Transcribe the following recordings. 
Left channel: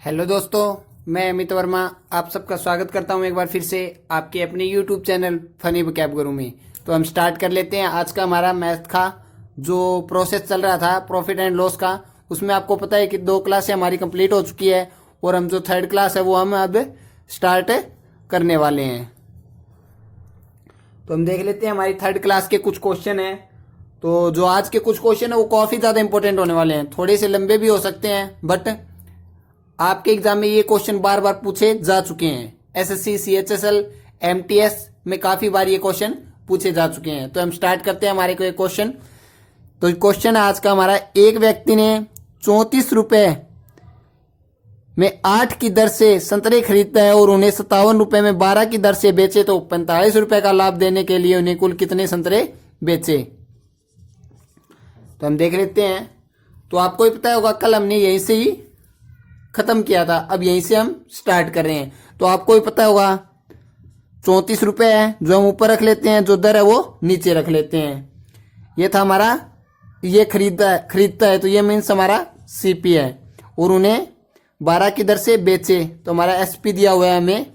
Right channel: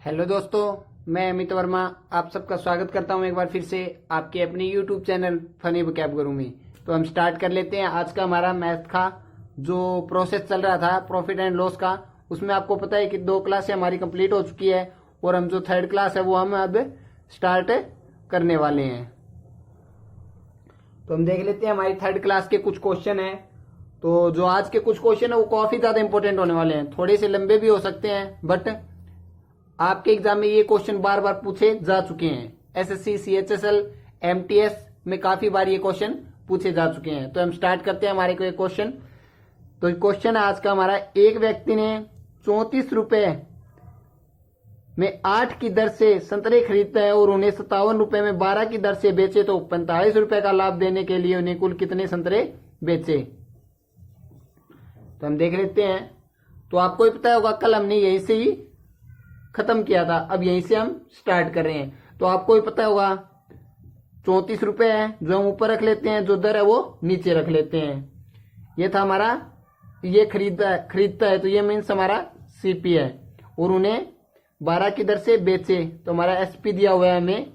Hello दोस्तों, मैं अमित वर्मा आप सबका स्वागत करता हूं एक बार फिर से आपके अपने यूट्यूब चैनल फनी वोकैब गुरु में। तो हम स्टार्ट कर लेते हैं आज का हमारा मैथ का जो प्रोसेस चल रहा था प्रॉफिट एंड लॉस का। उसमें आपको पता है कि 2 क्लासें हमारी कंप्लीट हो चुकी है और हम जो 3rd क्लास है वो हम अब स्टार्ट करने वाले हैं। तो हम देख लेते हैं हमारी 3rd क्लास के कुछ क्वेश्चन हैं। तो जो आज के कुछ क्वेश्चन है वो काफ़ी ज़्यादा इंपॉर्टेंट होने वाले हैं, थोड़े से लंबे भी हो सकते हैं बट आपके एग्जाम में ये क्वेश्चन बार बार पूछे जा चुके हैं। एसएससी, सीएचएसएल, एमटीएस में काफी बार ये क्वेश्चन पूछे जा चुके हैं। तो हम स्टार्ट करते हैं हमारे को क्वेश्चन। तो क्वेश्चन है आज का हमारा, एक व्यक्ति ने 34 रुपए में 8 की दर से संतरे खरीदता है और उन्हें 57 रुपए में 12 की दर से बेचे तो 45 रुपए का लाभ देने के लिए उन्हें कुल कितने संतरे बेचे। तो हम देख लेते हैं। तो आपको ही पता होगा कल हमने यहीं से ही खत्म किया था, अब यहीं से हम स्टार्ट कर रहे हैं। तो आपको ही पता होगा 34 रुपए है जो हम ऊपर रख लेते हैं, जो दर है वो नीचे रख लेते हैं। ये था हमारा, ये खरीदता है तो ये मीन्स हमारा सीपी है और उन्हें 12 की दर से बेचे तो हमारा एसपी दिया हुआ है हमें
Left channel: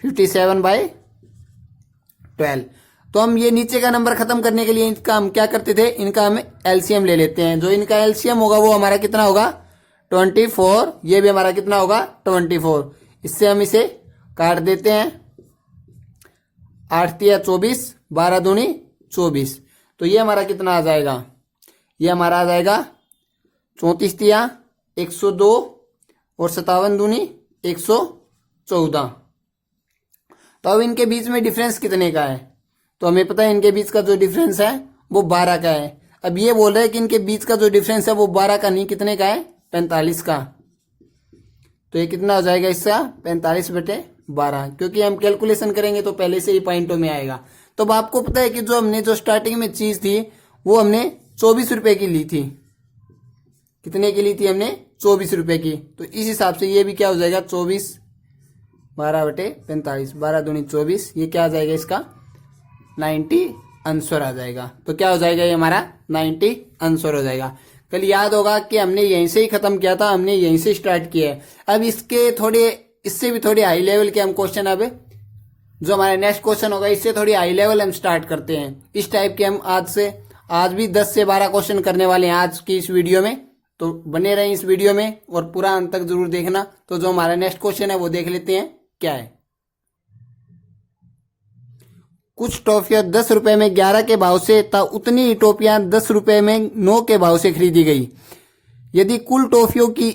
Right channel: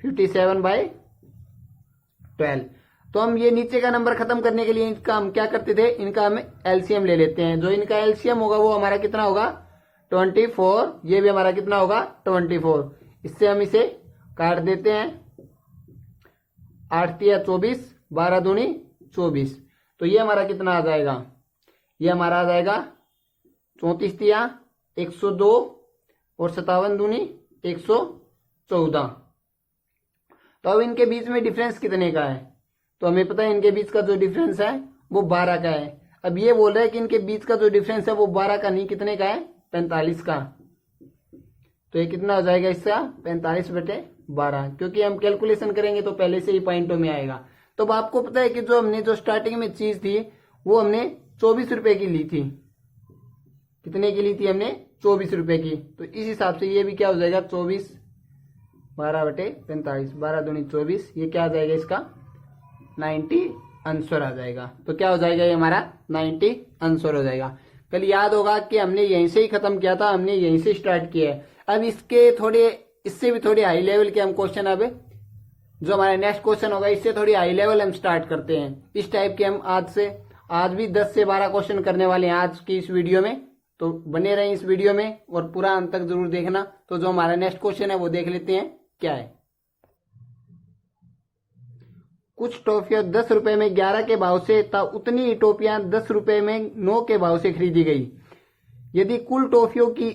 57/12। तो हम ये नीचे का नंबर खत्म करने के लिए इनका हम क्या करते थे, इनका हम एलसीएम ले लेते हैं। जो इनका एलसीएम होगा वो हमारा कितना होगा 24। ये भी हमारा कितना होगा 24। इससे हम इसे काट देते हैं, 8 तिया 24, 12 दूनी 24। तो ये हमारा कितना आ जाएगा, ये हमारा आ जाएगा 34 तिया 102 और 57 दूनी 114। तो अब इनके बीच में डिफरेंस कितने का है, तो हमें पता है इनके बीच का जो डिफरेंस है वो 12 का है। अब ये बोल रहा है कि इनके बीच का जो डिफरेंस है वो 12 का नहीं, कितने का है 45 का। तो ये कितना हो जाएगा इसका 45/12, क्योंकि हम कैलकुलेशन करेंगे तो पहले से ही पॉइंटों में आएगा। तो अब आपको पता है कि जो हमने जो स्टार्टिंग में चीज थी वो हमने 24 रुपए की ली थी। कितने की ली थी हमने 24 रुपए की। तो इस हिसाब से ये भी क्या हो जाएगा 24 12/45, 12 दूनी 24। ये क्या आ जाएगा इसका 90 आंसर आ जाएगा। तो क्या हो जाएगा ये हमारा 90 आंसर हो जाएगा। कल याद होगा कि हमने यहीं से ही खत्म किया था, हमने यहीं से स्टार्ट किया है। अब इसके थोड़े, इससे भी थोड़े हाई लेवल के हम क्वेश्चन, अब जो हमारा नेक्स्ट क्वेश्चन होगा इससे थोड़ी हाई लेवल हम स्टार्ट करते हैं। इस टाइप के हम आज भी 10 से 12 क्वेश्चन करने वाले हैं आज की इस वीडियो में। तो बने रहें इस वीडियो में और पूरा अंत तक जरूर देखना। तो जो हमारा नेक्स्ट क्वेश्चन है वो देख लेते हैं क्या है। कुछ टॉफियां 10 रुपए में 11 के भाव से तथा उतनी ही टॉफियां 10 रुपए में 9 के भाव से खरीदी गई। यदि कुल टॉफियों की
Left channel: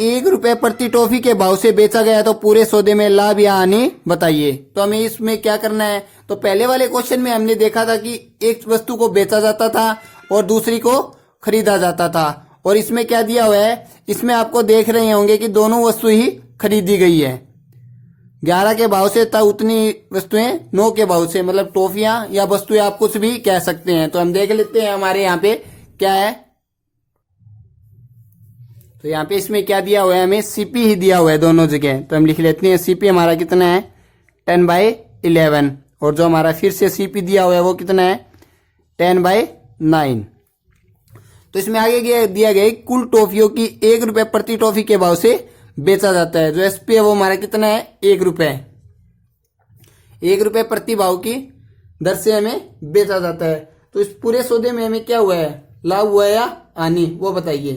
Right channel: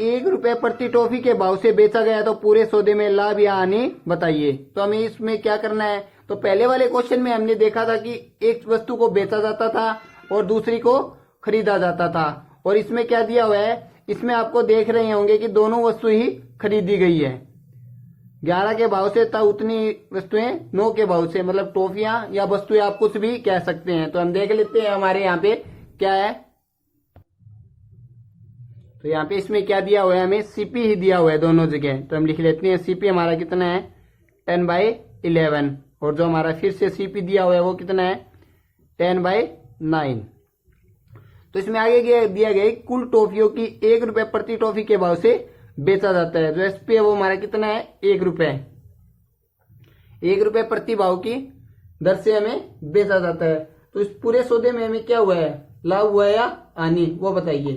1 रुपए प्रति टॉफी के भाव से बेचा गया तो पूरे सौदे में लाभ या हानि बताइए। तो हमें इसमें क्या करना है, तो पहले वाले क्वेश्चन में हमने देखा था कि एक वस्तु को बेचा जाता था और दूसरी को खरीदा जाता था। और इसमें क्या दिया हुआ है, इसमें आपको देख रहे होंगे कि दोनों वस्तु ही खरीदी गई है 11 के भाव से तथा उतनी वस्तुएं 9 के भाव से, मतलब टॉफियां या वस्तुएं आप कुछ भी कह सकते हैं। तो हम देख लेते हैं हमारे यहाँ पे क्या है। तो यहाँ पे इसमें क्या दिया हुआ है, हमें सीपी ही दिया हुआ है दोनों जगह। तो हम लिख लेते हैं सीपी हमारा कितना है 10/11 और जो हमारा फिर से सीपी दिया हुआ है वो कितना है 10/9। तो इसमें आगे दिया गया कुल टॉफियों की 1 रुपए प्रति टॉफी के भाव से बेचा जाता है। जो एसपी है वो हमारा कितना है 1 रुपए, 1 रुपए प्रति भाव की दर से हमें बेचा जाता है। तो इस पूरे सौदे में हमें क्या हुआ है, लाभ हुआ है या हानि, वो बताइए।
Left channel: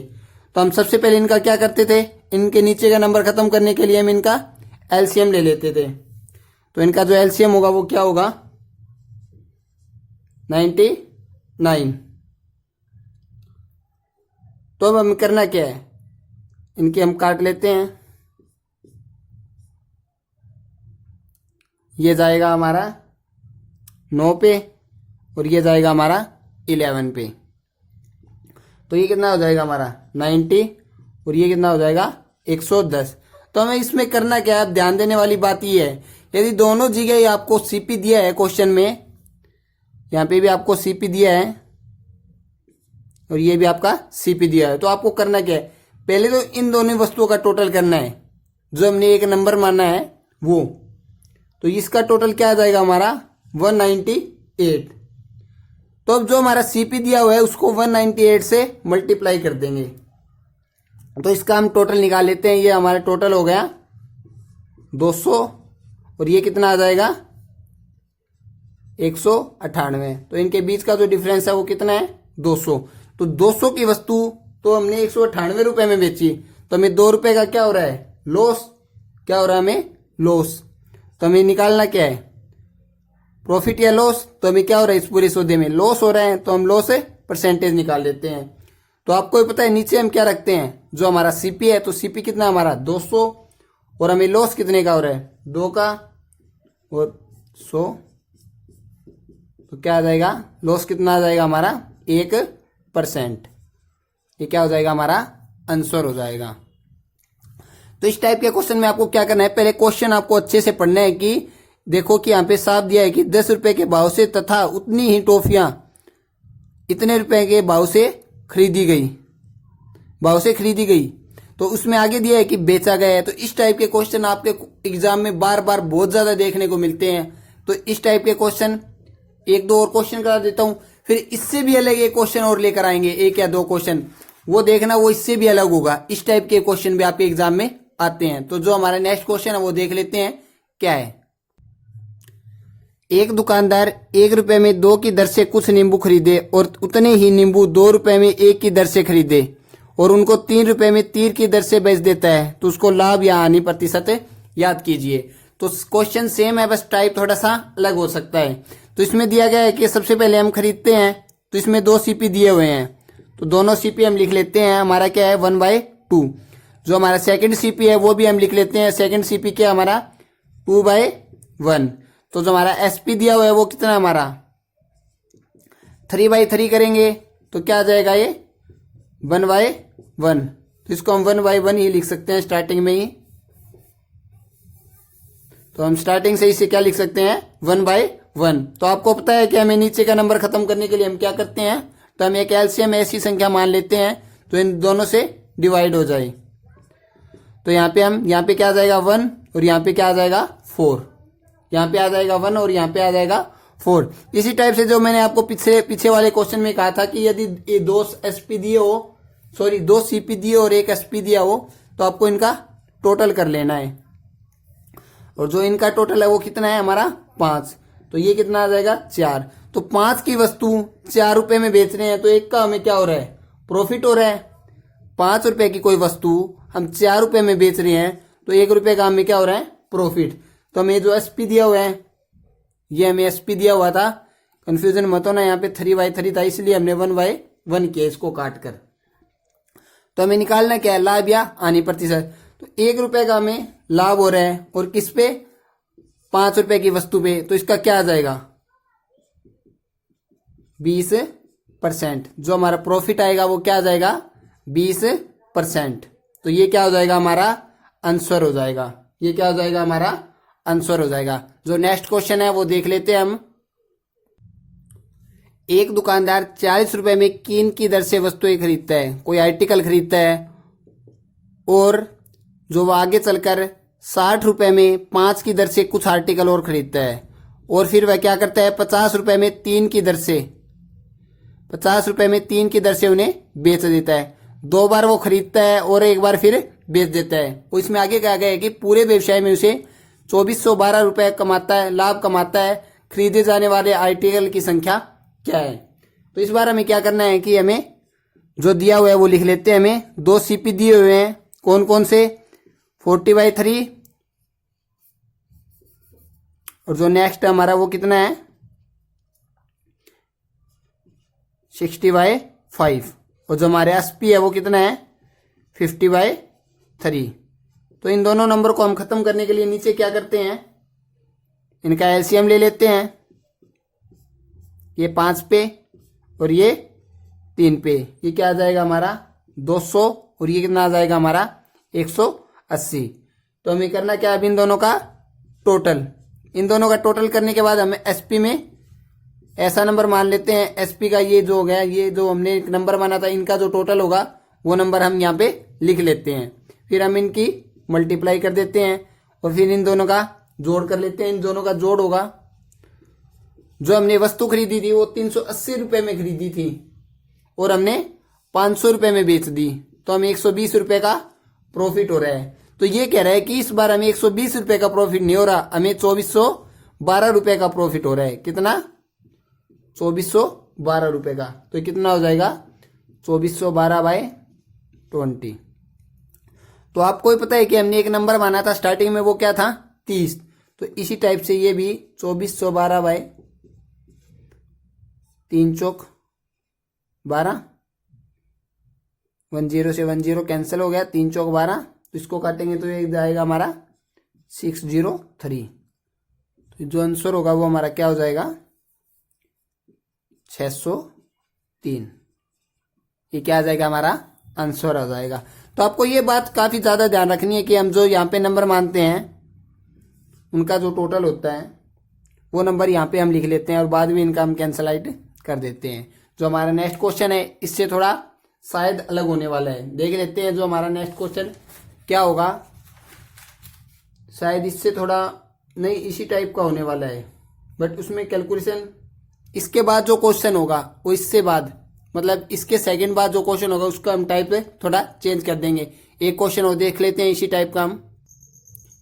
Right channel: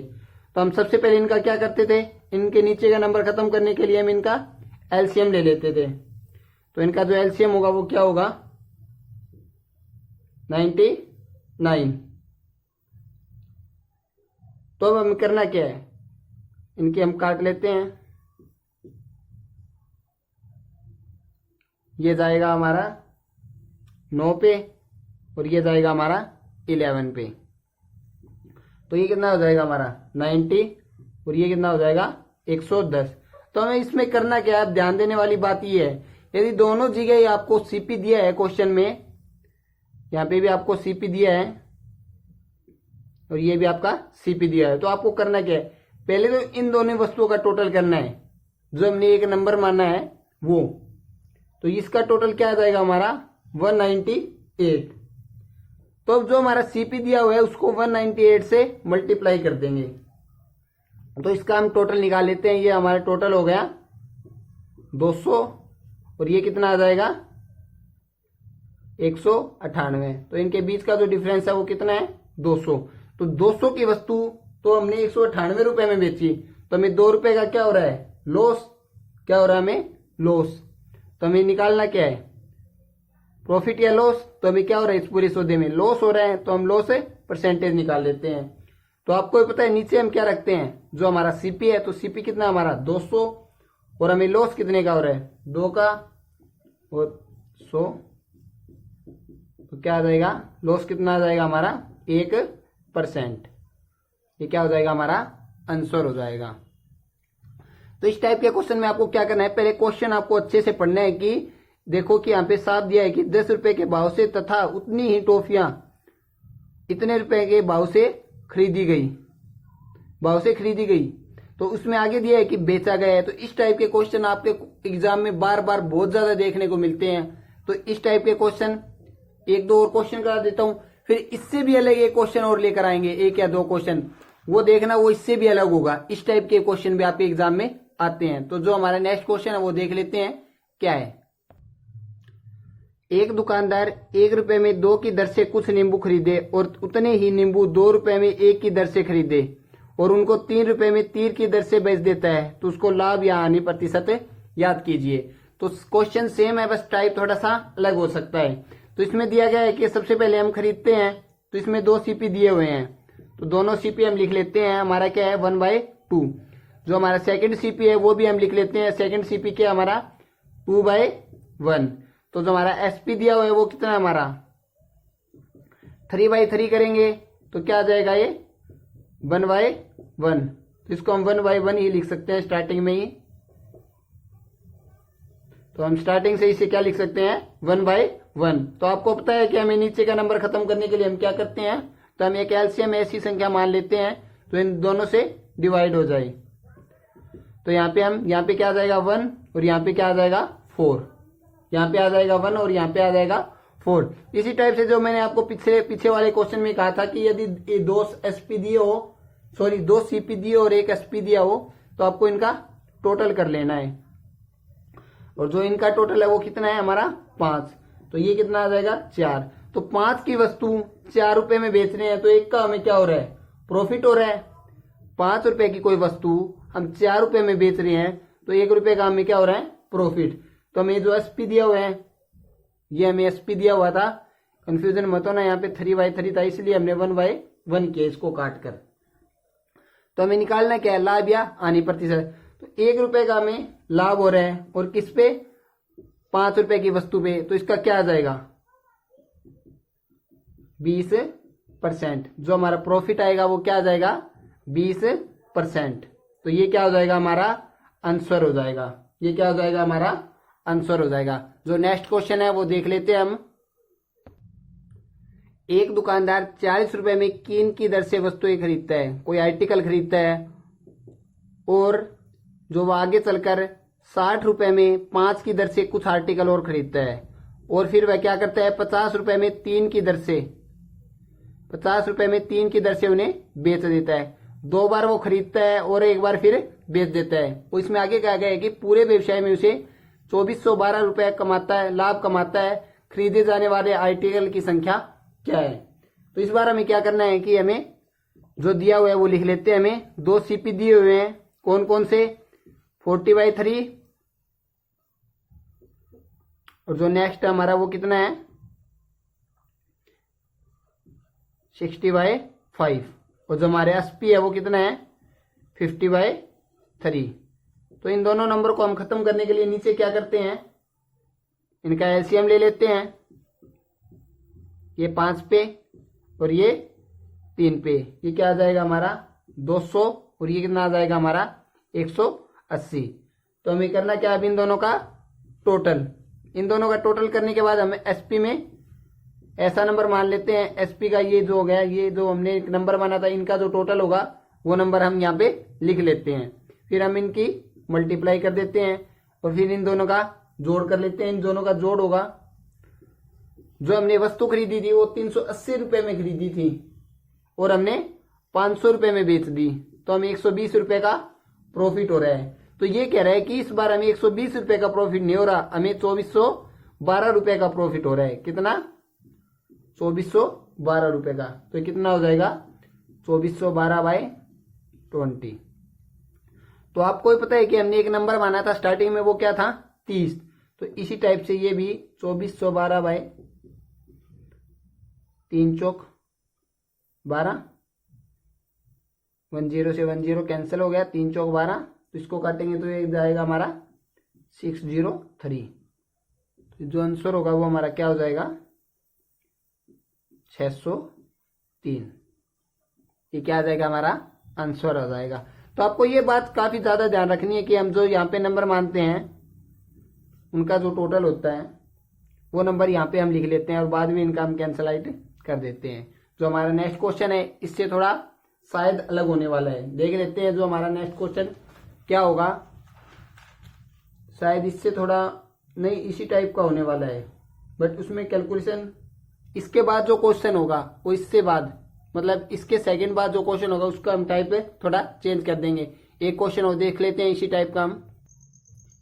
तो हम सबसे पहले इनका क्या करते थे, इनके नीचे का नंबर खत्म करने के लिए हम इनका एलसीएम ले लेते थे। तो इनका जो एलसीएम होगा वो क्या होगा 99। तो अब हमें करना क्या है, इनके हम काट लेते हैं। ये जाएगा हमारा 9 पे और ये जाएगा हमारा 11 पे। तो ये कितना हो जाएगा हमारा 90 और ये कितना हो जाएगा 110। तो हमें इसमें करना क्या है, ध्यान देने वाली बात ये है, यदि दोनों जगह आपको सीपी दिया है क्वेश्चन में, यहाँ पे भी आपको सीपी दिया है और ये भी आपका सीपी दिया है, तो आपको करना क्या है, पहले तो इन दोनों वस्तुओं का टोटल करना है जो हमने एक नंबर माना है वो। तो इसका टोटल क्या आ जाएगा हमारा 198। तो अब जो हमारा सीपी दिया हुआ है उसको 198 से मल्टीप्लाई कर देंगे। तो इसका हम टोटल निकाल लेते हैं। ये हमारा टोटल हो गया 200 और ये कितना आ जाएगा 198। तो इनके बीच का जो डिफरेंस है वो कितना है 200। तो 200 की वस्तु तो हमने 198 रुपए में बेची, तो हमें 2 रुपए का क्या हो रहा है लॉस। क्या हो रहा है हमें लॉस। तो हमें निकालना क्या है प्रॉफिट या लॉस। तो हमें क्या हो रहा है इस पूरे सौदे में लॉस हो रहा है, तो हम लॉस परसेंटेज निकाल लेते हैं। तो आपको पता है नीचे हम क्या रखते हैं जो हमारा सीपी है, तो सीपी कितना हमारा 200 और हमें लॉस कितने का हो रहा है 2 का और 100। तो क्या आ जाएगा लॉस कितना आ जाएगा हमारा 1%। ये क्या हो जाएगा हमारा आंसर हो जाएगा। तो इस टाइप के क्वेश्चन में आपको क्या करना है, पहले क्वेश्चन आपको अच्छे से पढ़ना है कि देखो कि यहाँ पे साफ दिया है कि 10 रुपए के भाव से तथा उतनी ही टॉफियां इतने रुपए के भाव से खरीदी गई, तो उसमें आगे दिया है कि बेचा गया है। तो इस टाइप के क्वेश्चन आपके एग्जाम में बार बार बहुत ज्यादा देखने को मिलते हैं। तो इस टाइप के क्वेश्चन एक दो और क्वेश्चन करा देता हूं, फिर इससे भी अलग एक क्वेश्चन और लेकर आएंगे, एक या दो क्वेश्चन वो देखना, वो इससे भी अलग होगा। इस टाइप के क्वेश्चन भी आपके एग्जाम में आते हैं। तो जो हमारा नेक्स्ट क्वेश्चन है वो देख लेते हैं क्या है। एक दुकानदार 1 रुपए में 2 की दर से कुछ नींबू खरीदे और उतने ही नींबू 2 रुपए में 1 की दर से खरीदे और उनको 3 रुपए में 3 की दर से बेच देता है, तो उसको लाभ या हानि प्रतिशत याद कीजिए। तो क्वेश्चन सेम है, बस टाइप थोड़ा सा अलग हो सकता है। तो इसमें दिया गया है कि सबसे पहले हम खरीदते हैं, तो इसमें 2 सीपी दिए हुए हैं, तो दोनों सीपी हम लिख लेते हैं। हमारा क्या है 1/2। जो हमारा सेकंड सीपी है वो भी हम लिख लेते हैं। सेकंड सीपी क्या हमारा 2/1। तो जो हमारा एसपी दिया हुआ है वो कितना हमारा 3/3 करेंगे, तो क्या आ जाएगा ये 1/1। तो इसको हम 1/1 ही लिख सकते हैं स्टार्टिंग में ही। तो हम स्टार्टिंग से इसे क्या लिख सकते हैं 1/1। तो आपको पता है कि हमें नीचे का नंबर खत्म करने के लिए हम क्या करते हैं, तो हम एक एलसीएम ऐसी संख्या मान लेते हैं तो इन दोनों से डिवाइड हो जाए। तो यहाँ पे क्या आ जाएगा 1 और यहाँ पे क्या आ जाएगा 4। यहाँ पे आ जाएगा 1 और यहाँ पे आ जाएगा 4। इसी टाइप से जो मैंने आपको पीछे वाले क्वेश्चन में कहा था कि यदि ये 2 एसपी दिए हो, सॉरी 2 सीपी दिए और 1 एसपी दिया हो, तो आपको इनका टोटल कर लेना है। और जो इनका टोटल है वो कितना है हमारा 5। तो ये कितना आ जाएगा 4। तो 5 की वस्तु 4 रुपए में बेच रहे हैं, तो एक का हमें क्या हो रहा है प्रॉफिट हो रहा है। 5 रुपए की कोई वस्तु हम 4 रुपए में बेच रहे हैं, तो 1 रुपए का हमें क्या हो रहा है प्रॉफिट। तो हमें जो एसपी दिया हुआ है, ये हमें एसपी दिया हुआ था, कंफ्यूजन मत होना, यहाँ पे 3/3 था इसलिए हमने 1/1 किया इसको काट कर। तो हमें निकालना क्या है लाभ या हानि प्रतिशत। तो 1 रुपए का हमें लाभ हो रहा है और किस पे 5 रुपए की वस्तु पे, तो इसका क्या आ जाएगा 20%। जो हमारा प्रॉफिट आएगा वो क्या आ जाएगा 20%। तो ये क्या हो जाएगा हमारा आंसर हो जाएगा। ये क्या हो जाएगा हमारा आंसर हो जाएगा। जो नेक्स्ट क्वेश्चन है वो देख लेते हैं हम। एक दुकानदार 40 रुपए में कीन की दर से वस्तुएं खरीदता है, कोई आर्टिकल खरीदता है, और जो वो आगे चलकर 60 रुपए में 5 की दर से कुछ आर्टिकल और खरीदता है, और फिर वह क्या करता है 50 रुपए में 3 की दर से 50 रुपए में 3 की दर से उन्हें बेच देता है। 2 बार वो खरीदता है और 1 बार फिर बेच देता है। और इसमें आगे कहा गया है कि पूरे व्यवसाय में उसे 2412 रुपए कमाता है, लाभ कमाता है। खरीदे जाने वाले आर्टिकल की संख्या क्या है। तो इस बार हमें क्या करना है कि हमें जो दिया हुआ है वो लिख लेते हैं। हमें 2 सीपी दिए हुए हैं, कौन कौन से 40/3, और जो नेक्स्ट हमारा वो कितना है 60/5, और जो हमारे एसपी है वो कितना है 50/3। तो इन दोनों नंबर को हम खत्म करने के लिए नीचे क्या करते हैं, इनका एलसीएम ले लेते हैं। ये 5 पे और ये 3 पे, ये क्या आ जाएगा हमारा 200, और ये कितना आ जाएगा हमारा 180। तो हमें करना क्या है, अब इन दोनों का टोटल करने के बाद हमें एसपी में ऐसा नंबर मान लेते हैं। एसपी का ये जो हो गया, ये जो हमने एक नंबर माना था, इनका जो टोटल होगा वो नंबर हम यहाँ पे लिख लेते हैं। फिर हम इनकी मल्टीप्लाई कर देते हैं और फिर इन दोनों का जोड़ कर लेते हैं। इन दोनों का जोड़ होगा, जो हमने वस्तु खरीदी थी वो 380 रुपए में खरीदी थी और हमने 500 रुपए में बेच दी, तो हमें 120 रुपए का प्रॉफिट हो रहा है। तो ये कह रहा है कि इस बार हमें 120 रुपए का प्रॉफिट नहीं हो रहा, हमें 2412 रुपए का प्रॉफिट हो रहा है। कितना? 2412 रुपए का। तो कितना हो जाएगा? 2412/20। तो आपको ही पता है कि हमने एक नंबर माना था स्टार्टिंग में, वो क्या था? 30। तो इसी टाइप से ये भी 2412/3 चौक 12, 10 से 10 कैंसिल हो गया, 3 चौक 12। तो इसको काटेंगे तो ये जाएगा हमारा 603। तो जो आंसर होगा वो हमारा क्या हो जाएगा? 603। ये क्या आ जाएगा? हमारा आंसर आ जाएगा। तो आपको ये बात काफी ज्यादा ध्यान रखनी है कि हम जो यहाँ पे नंबर मानते हैं उनका जो टोटल होता है वो नंबर यहाँ पे हम लिख लेते हैं और बाद में इनका हम कैंसल आउट कर देते हैं। जो हमारा नेक्स्ट क्वेश्चन है इससे थोड़ा शायद अलग होने वाला है, देख लेते हैं जो हमारा नेक्स्ट क्वेश्चन क्या होगा। शायद इससे थोड़ा नहीं, इसी टाइप का होने वाला है, बट उसमें कैलकुलेशन इसके बाद जो क्वेश्चन होगा वो इससे बाद, मतलब इसके सेकंड बाद जो क्वेश्चन होगा उसका हम टाइप थोड़ा चेंज कर देंगे। एक क्वेश्चन और देख लेते हैं इसी टाइप का हम।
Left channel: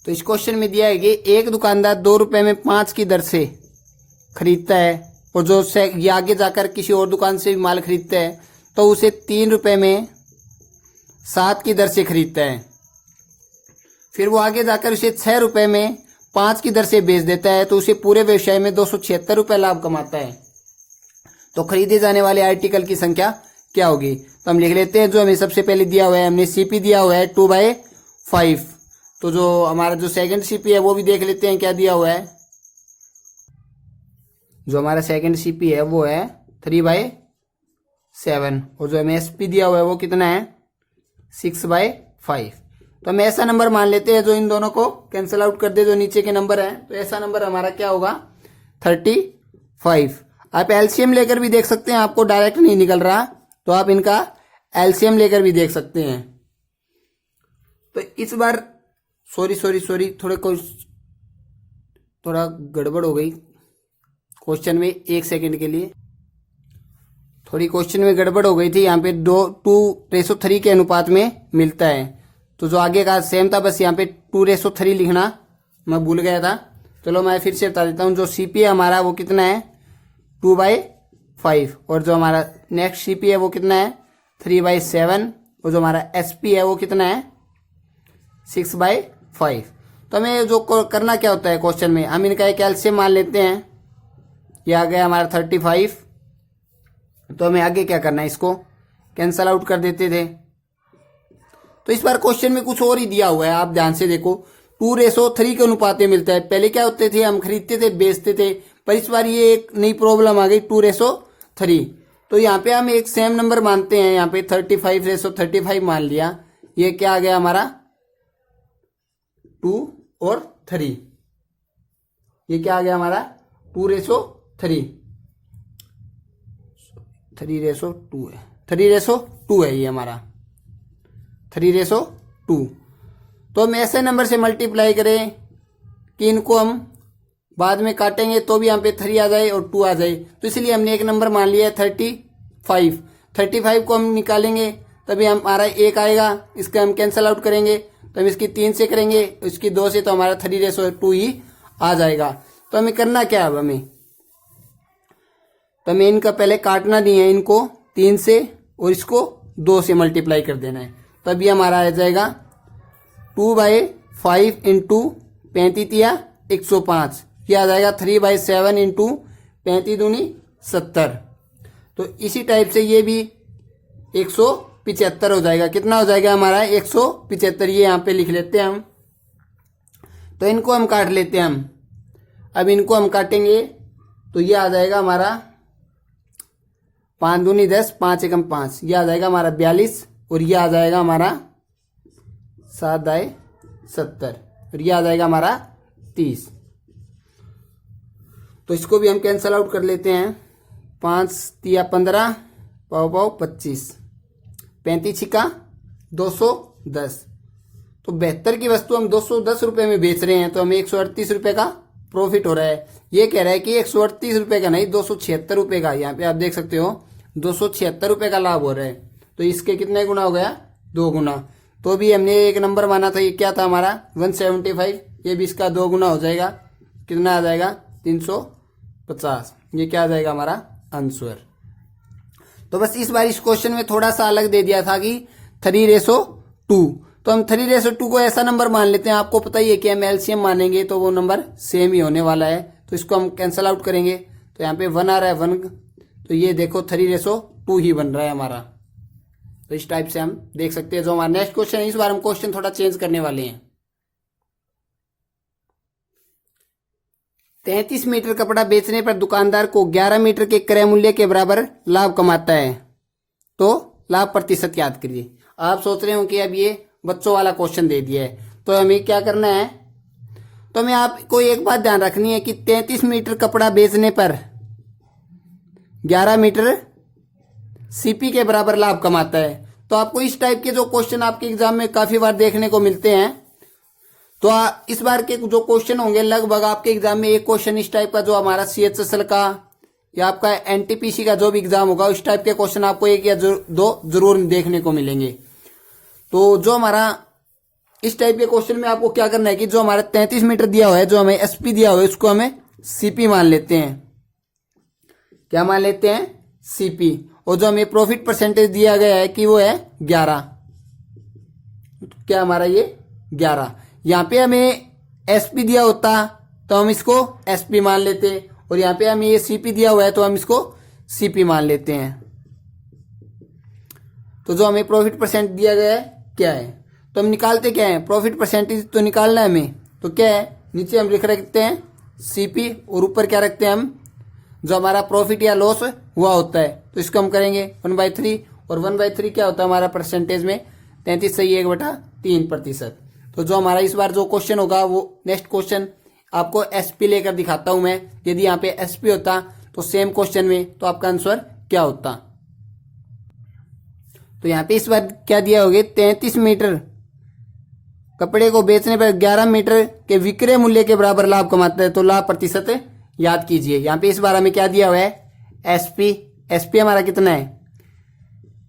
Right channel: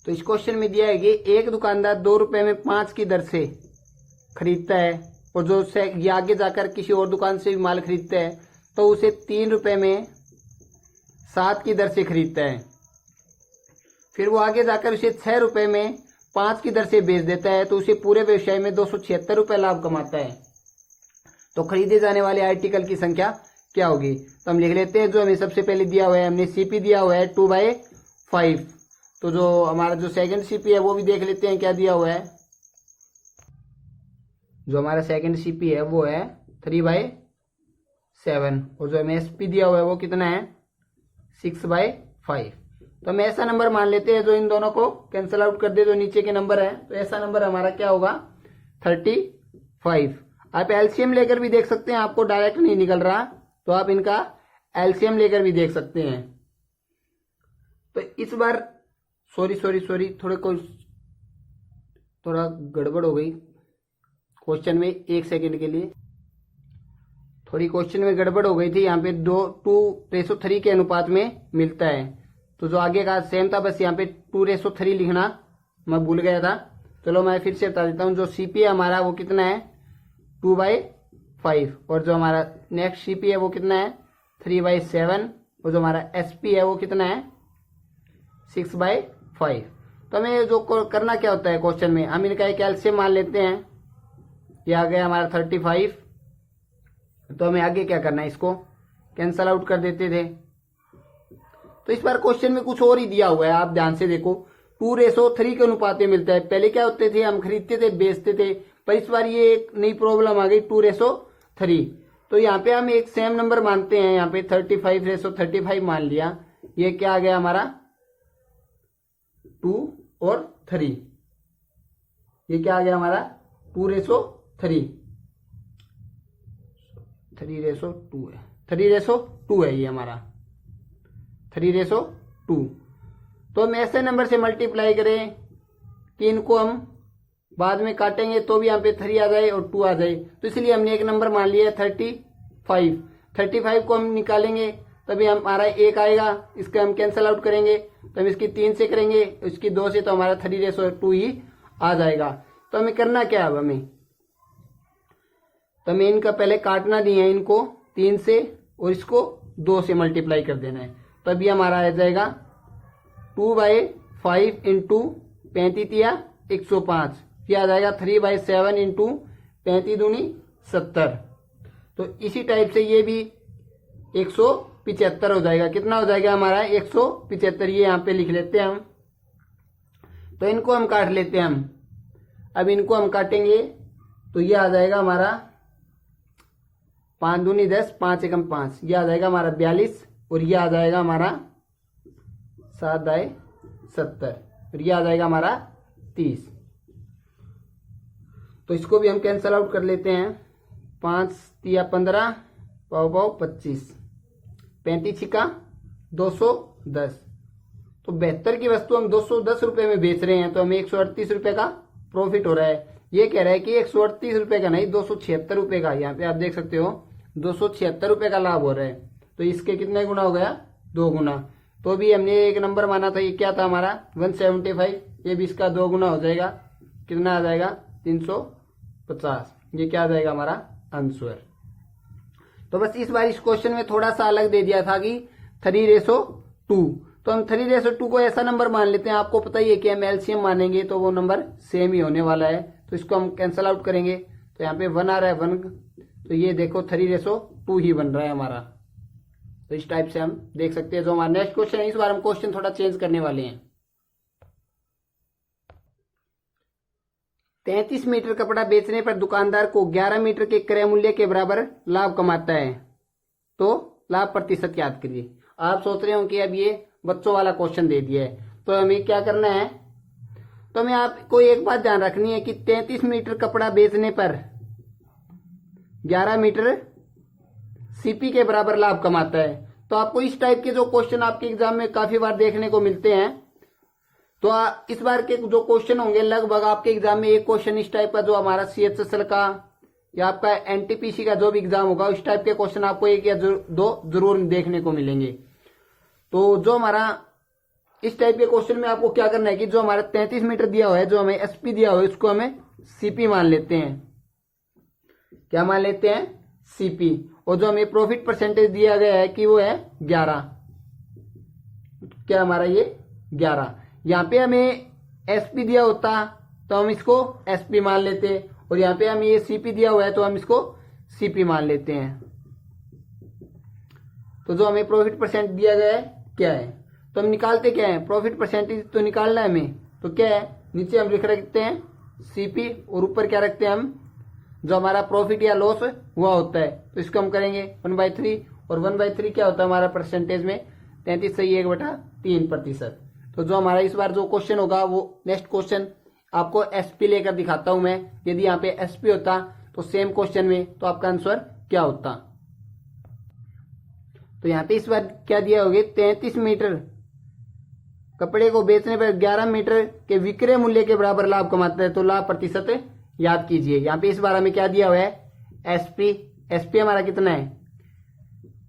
तो इस क्वेश्चन में दिया है कि एक दुकानदार 2 रुपए में 5 की दर से खरीदता है और जो ये आगे जाकर किसी और दुकान से भी माल खरीदता है तो उसे 3 रुपए में 7 की दर से खरीदता है। फिर वो आगे जाकर उसे 6 रुपए में 5 की दर से बेच देता है तो उसे पूरे व्यवसाय में 276 रुपए लाभ कमाता है। तो खरीदे जाने वाले आर्टिकल की संख्या क्या होगी? तो हम लिख लेते हैं जो हमें सबसे पहले दिया हुआ है, हमने सीपी दिया हुआ है 2/5। तो जो हमारा जो सेकंड सीपी है वो भी देख लेते हैं क्या दिया हुआ है। जो हमारा सेकंड सीपी है वो है 3/7 और जो हमें एसपी दिया हुआ है वो कितना है? 6/5। तो हम ऐसा नंबर मान लेते हैं जो इन दोनों को कैंसिल आउट कर दे, जो नीचे के नंबर है। तो ऐसा नंबर हमारा क्या होगा? 35। आप एलसीएम लेकर भी देख सकते हैं, आपको डायरेक्ट नहीं निकल रहा तो आप इनका एलसीएम लेकर भी देख सकते हैं। तो इस बार सॉरी थोड़ा गड़बड़ हो गई क्वेश्चन में, 1 सेकंड के लिए थोड़ी क्वेश्चन में गड़बड़ हो गई थी। यहाँ पे 2:3 के अनुपात में मिलता है, तो जो आगे का सेम था, बस यहाँ पे 2:3 लिखना मैं भूल गया था। चलो मैं फिर से बता देता हूँ। जो सीपी है हमारा वो कितना है? 2/5 और जो हमारा नेक्स्ट सीपी है वो कितना है? 3/7 और जो हमारा एसपी है वो कितना है? 6/5। तो हमें जो करना क्या होता है क्वेश्चन में, हम इनका एक एलसीएम मान लेते हैं। ये आ गया हमारा 35। तो हमें आगे क्या करना है? इसको कैंसल आउट कर देते थे। तो इस बार क्वेश्चन में कुछ और ही दिया हुआ है, आप ध्यान से देखो। 2:3 के अनुपात में मिलता है। पहले क्या होते थे? हम खरीदते थे, बेचते थे, पर इस बार ये एक नई प्रॉब्लम आ गई 2:3। तो यहाँ पे हम एक सेम नंबर मानते हैं, यहाँ पे 35:35 मान लिया। ये क्या आ गया हमारा? 2 और 3। ये क्या आ गया हमारा? 2:3। 3:2 है, 3:2 है ये हमारा, 3:2। तो हम ऐसे नंबर से मल्टीप्लाई करें कि इनको हम बाद में काटेंगे तो भी यहाँ पे 3 आ जाए और 2 आ जाए। तो इसलिए हमने एक नंबर मान लिया है 35। 35 को हम निकालेंगे तभी हमारा 1 आएगा, इसका हम कैंसल आउट करेंगे तो हम इसकी 3 से करेंगे, इसकी 2 से, तो हमारा 3:2 ही आ जाएगा। तो हमें करना क्या है? हमें तो हमें इनका पहले काटना नहीं है, इनको 3 से और इसको 2 से मल्टीप्लाई कर देना है। तभी हमारा आ जाएगा 2/5 इंटू 35 × 105। यह आ जाएगा 3/7 इंटू 35 दूनी 70। तो इसी टाइप से ये भी 175 हो जाएगा। कितना हो जाएगा हमारा? 175। ये यहाँ पे लिख लेते हैं हम। तो इनको हम काट लेते हैं हम। अब इनको हम काटेंगे तो ये आ जाएगा हमारा 5 दूनी 10, 5 एकम 5, ये आ जाएगा हमारा 42 और ये आ जाएगा हमारा 7/70 और ये आ जाएगा हमारा 30। तो इसको भी हम कैंसल आउट कर लेते हैं। 5 तिया 15, पाव 25, 35 छिका 210। तो 72 की वस्तु हम 210 रुपए में बेच रहे हैं तो हमें 138 रुपए का प्रॉफिट हो रहा है। ये कह रहा है कि 138 रुपए का नहीं, 276 रुपए का। यहाँ पे आप देख सकते हो 276 रुपए का लाभ हो रहा है। तो इसके कितने गुना हो गया? 2 गुना, तो भी हमने एक नंबर माना था, ये क्या था हमारा 175, ये भी इसका 2 गुना हो जाएगा, कितना आ जाएगा 350। ये क्या आ जाएगा हमारा आंसर। तो बस इस बार इस क्वेश्चन में थोड़ा सा अलग दे दिया था कि 3:2, तो हम 3:2 को ऐसा नंबर मान लेते हैं, आपको पता ही है कि हम एलसीएम मानेंगे तो वो नंबर सेम ही होने वाला है, तो इसको हम कैंसल आउट करेंगे। तो यहाँ पे 1 आ रहा है 1, तो ये देखो 3:2 ही बन रहा है हमारा। तो इस टाइप से हम देख सकते हैं। जो हमारा नेक्स्ट क्वेश्चन है, इस बार हम क्वेश्चन थोड़ा चेंज करने वाले हैं। 33 मीटर कपड़ा बेचने पर दुकानदार को 11 मीटर के क्रय मूल्य के बराबर लाभ कमाता है, तो लाभ प्रतिशत याद करिए। आप सोच रहे हो कि अब ये बच्चों वाला क्वेश्चन दे दिया है, तो हमें क्या करना है, तो हमें आपको एक बात ध्यान रखनी है कि 33 मीटर कपड़ा बेचने पर 11 मीटर सीपी के बराबर लाभ कमाता है। तो आपको इस टाइप के जो क्वेश्चन आपके एग्जाम में काफी बार देखने को मिलते हैं, तो इस बार के जो क्वेश्चन होंगे लगभग आपके एग्जाम में एक क्वेश्चन इस टाइप का, जो हमारा सीएचएसएल का या आपका एनटीपीसी का जो भी एग्जाम होगा, उस टाइप के क्वेश्चन आपको एक या दो जरूर देखने को मिलेंगे। तो जो हमारा इस टाइप के क्वेश्चन में आपको क्या करना है कि जो हमारा 33 मीटर दिया हुआ है, जो हमें एसपी दिया हुआ है, उसको हमें सीपी मान लेते हैं। क्या मान लेते हैं? सीपी। और जो हमें प्रॉफिट परसेंटेज दिया गया है कि वो है 11, क्या हमारा ये 11। यहाँ पे हमें एसपी दिया होता तो हम इसको एसपी मान लेते, और यहाँ पे हमें ये सीपी दिया हुआ है तो हम इसको सीपी मान लेते हैं। तो जो हमें प्रॉफिट परसेंट दिया गया है क्या है, तो हम निकालते क्या है, प्रॉफिट परसेंटेज तो निकालना है हमें। तो क्या है, नीचे हम लिख रखते हैं सीपी, और ऊपर क्या रखते हैं हम, जो हमारा प्रॉफिट या लॉस हुआ होता है, तो इसको हम करेंगे 1/3, और 1/3 क्या होता है हमारा परसेंटेज में 33 सही 1/3%। तो जो हमारा इस बार जो क्वेश्चन होगा, वो नेक्स्ट क्वेश्चन आपको एसपी लेकर दिखाता हूं मैं। यदि यहाँ पे एसपी होता तो सेम क्वेश्चन में, तो आपका आंसर क्या होता। तो यहाँ पे इस बार क्या दिया होगा, 33 मीटर कपड़े को बेचने पर 11 मीटर के विक्रय मूल्य के बराबर लाभ कमाता है, तो लाभ प्रतिशत याद कीजिए। यहाँ पे इस बार हमें क्या दिया हुआ है, एसपी। एसपी हमारा कितना है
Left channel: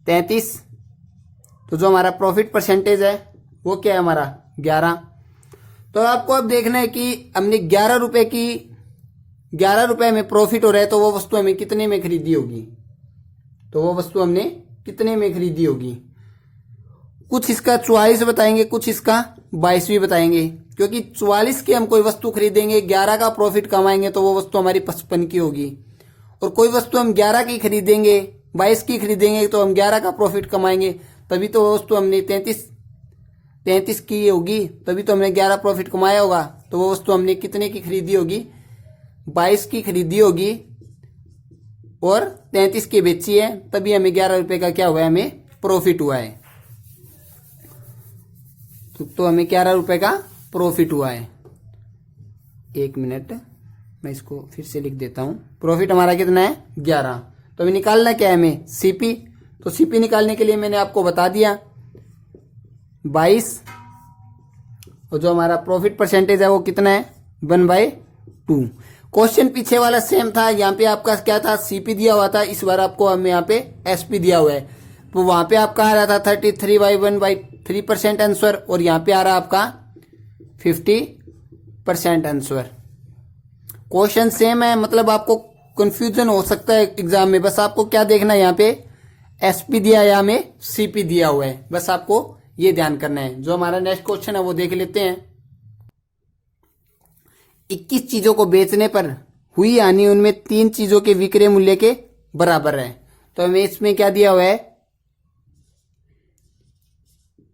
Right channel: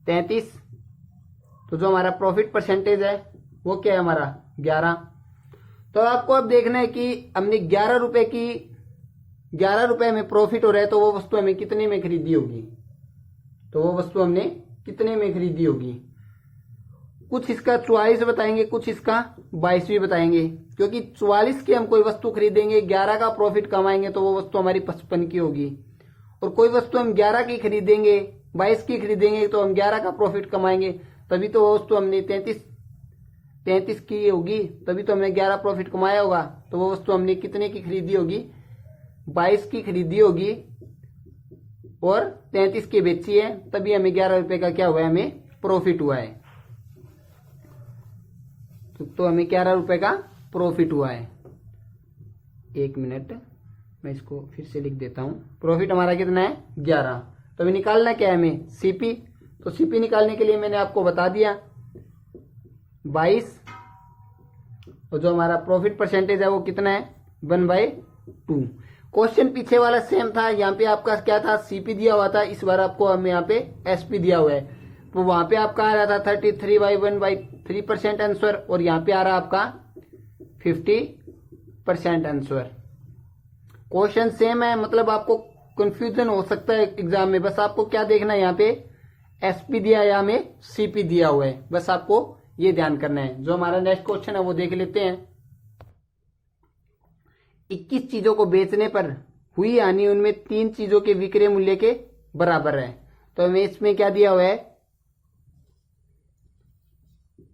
33, तो जो हमारा प्रॉफिट परसेंटेज है वो क्या है हमारा 11। तो आपको अब देखना है कि हमने 11 रुपए में प्रॉफिट हो रहा है, तो वो वस्तु हमें कितने में खरीदी होगी, तो वो वस्तु हमने कितने में खरीदी होगी। कुछ इसका 44 बताएंगे, कुछ इसका 22 भी बताएंगे, क्योंकि 44 की हम कोई वस्तु खरीदेंगे, 11 का प्रॉफिट कमाएंगे, तो वो वस्तु हमारी 55 की होगी। और कोई वस्तु हम 11 की खरीदेंगे, 22 की खरीदेंगे, तो हम 11 का प्रॉफिट कमाएंगे, तभी तो वो वस्तु हमने 33 की होगी, तभी तो हमने 11 प्रॉफिट कमाया होगा। तो वो वस्तु हमने कितने की खरीदी होगी, 22 की खरीदी होगी और 33 की बेची है, तभी हमें 11 रुपए का क्या हुआ है, हमें प्रॉफिट हुआ है। तो हमें 11 रुपए का प्रॉफिट हुआ है। 1 मिनट, मैं इसको फिर से लिख देता हूं। प्रॉफिट हमारा कितना है 11। तो हमें निकालना क्या है, हमें सीपी। तो सीपी निकालने के लिए मैंने आपको बता दिया 22, और जो हमारा प्रॉफिट परसेंटेज है वो कितना है 1/2। क्वेश्चन पीछे वाला सेम था, यहाँ पे आपका क्या था, सीपी दिया हुआ था, इस बार आपको हमें यहाँ पे एसपी दिया हुआ है। तो वहां पे आपका आ रहा था 33/1/3% आंसर, और यहाँ पे आ रहा आपका 50% आंसर। क्वेश्चन सेम है, मतलब आपको कंफ्यूजन हो सकता है एग्जाम में। बस आपको क्या देखना है, यहाँ पे एसपी दिया है या हमें सीपी दिया हुआ है, बस आपको ये ध्यान करना है। जो हमारा नेक्स्ट क्वेश्चन है वो देख लेते हैं। 21 चीजों को बेचने पर हुई हानि उनमें 3 चीजों के विक्रय मूल्य के बराबर है। तो हमें इसमें क्या दिया हुआ है,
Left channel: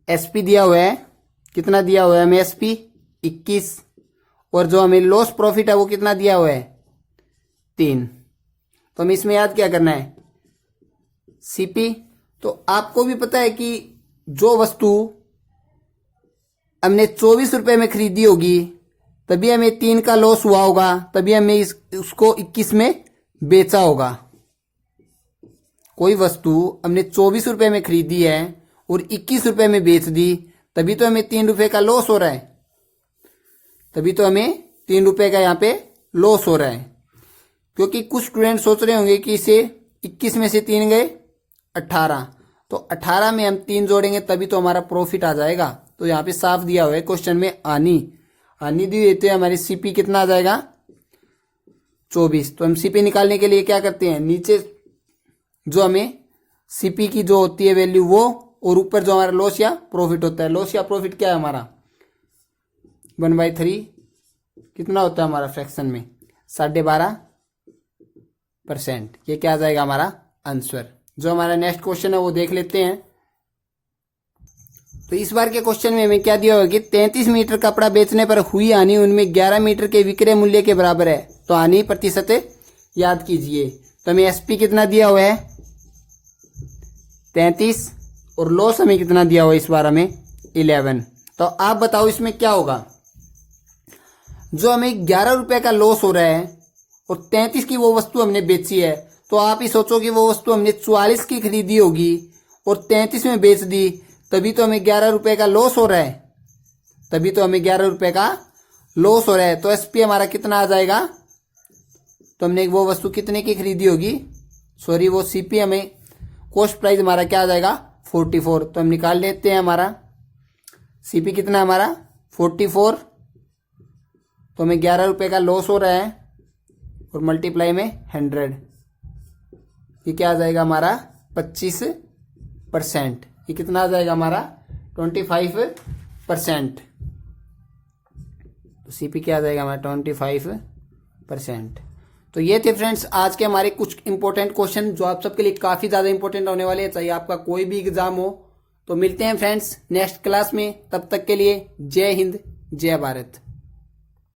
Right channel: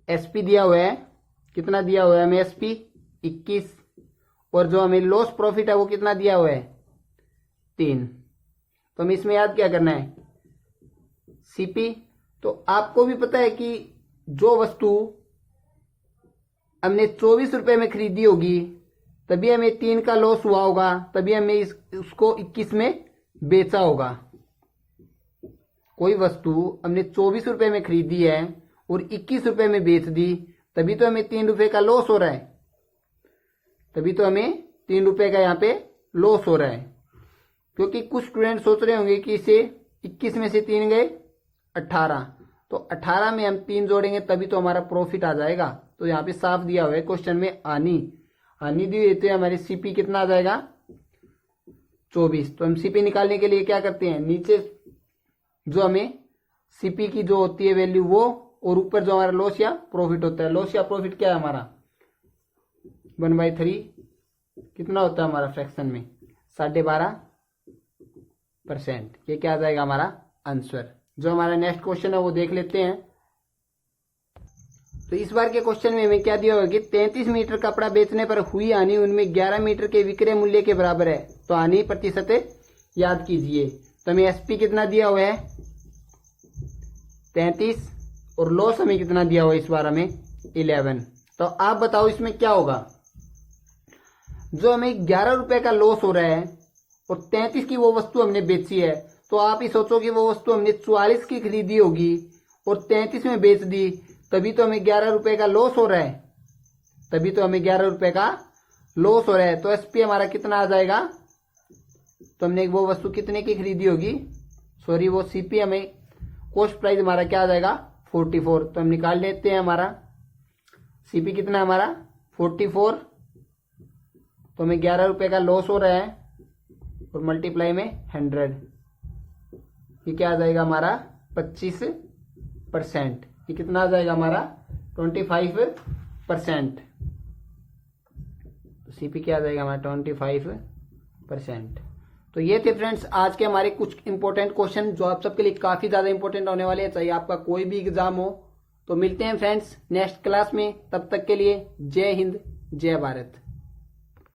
एसपी दिया हुआ है, कितना दिया हुआ है हमें एसपी 21, और जो हमें लॉस प्रॉफिट है वो कितना दिया हुआ है 3। तो हमें इसमें याद क्या करना है, सीपी। तो आपको भी पता है कि जो वस्तु हमने 24 रुपए में खरीदी होगी, तभी हमें 3 का लॉस हुआ होगा, तभी हमें उसको 21 में बेचा होगा। कोई वस्तु हमने 24 रुपए में खरीदी है और 21 रुपए में बेच दी, तभी तो हमें 3 रुपए का लॉस हो रहा है, तभी तो हमें 3 रुपए का यहाँ पे लॉस हो रहा है। क्योंकि कुछ स्टूडेंट सोच रहे होंगे कि इसे 21 में से 3 गए 18, तो 18 में हम 3 जोड़ेंगे तभी तो हमारा प्रॉफिट आ जाएगा। तो यहाँ पे साफ दिया हुआ है क्वेश्चन में आनी दी देते हैं, हमारी सीपी कितना आ जाएगा 24। तो हम सीपी निकालने के लिए क्या करते हैं, नीचे जो हमें सीपी की जो होती है वैल्यू वो, और ऊपर जो हमारा लॉस या प्रॉफिट होता है। लॉस या प्रॉफिट क्या है हमारा 1/3 कितना होता है हमारा फ्रैक्शन में 12.5%। ये क्या आ जाएगा हमारा आंसर। जो हमारा नेक्स्ट क्वेश्चन है वो देख लेते हैं। तो इस बार के क्वेश्चन में हमें क्या दिया होगा कि 33 मीटर कपड़ा बेचने पर हुई हानि उनमें 11 मीटर के विक्रय मूल्य के बराबर है, तो हानि प्रतिशत याद कीजिए। तो हमें एसपी कितना दिया हुआ है 33 और लॉस हमें कितना दिया हुआ है इस बार हमें 11। तो आप बताओ इसमें क्या होगा। जो हमें 11 रुपए का लॉस हो रहा है और 33 की वो वस्तु हमने बेची है, तो आप ही सोचो कि वो वस्तु हमने 44 की खरीदी होगी और 33 में बेच दी, तभी तो हमें 11 रुपए का लॉस हो रहा है। तभी तो हमें 11 रुपए का लॉस हो रहा है। तो एसपी हमारा कितना आ जाएगा, तो हमने वो वस्तु कितने की खरीदी होगी, सॉरी वो सीपी हमें कॉस्ट प्राइस हमारा क्या आ जाएगा 44। तो हम निकाल लेते हैं हमारा सीपी कितना हमारा 44। तो हमें 11 रुपए का लॉस हो रहा है और मल्टीप्लाई में 100, ये क्या आ जाएगा हमारा 25%। ये कितना आ जाएगा हमारा 25%। तो सीपी क्या आ जाएगा हमारा 25%। तो ये थे फ्रेंड्स आज के हमारे कुछ इंपॉर्टेंट क्वेश्चन जो आप सबके लिए काफ़ी ज़्यादा इंपॉर्टेंट होने वाले हैं, चाहे आपका कोई भी एग्जाम हो। तो मिलते हैं फ्रेंड्स नेक्स्ट क्लास में, तब तक के लिए जय हिंद जय भारत।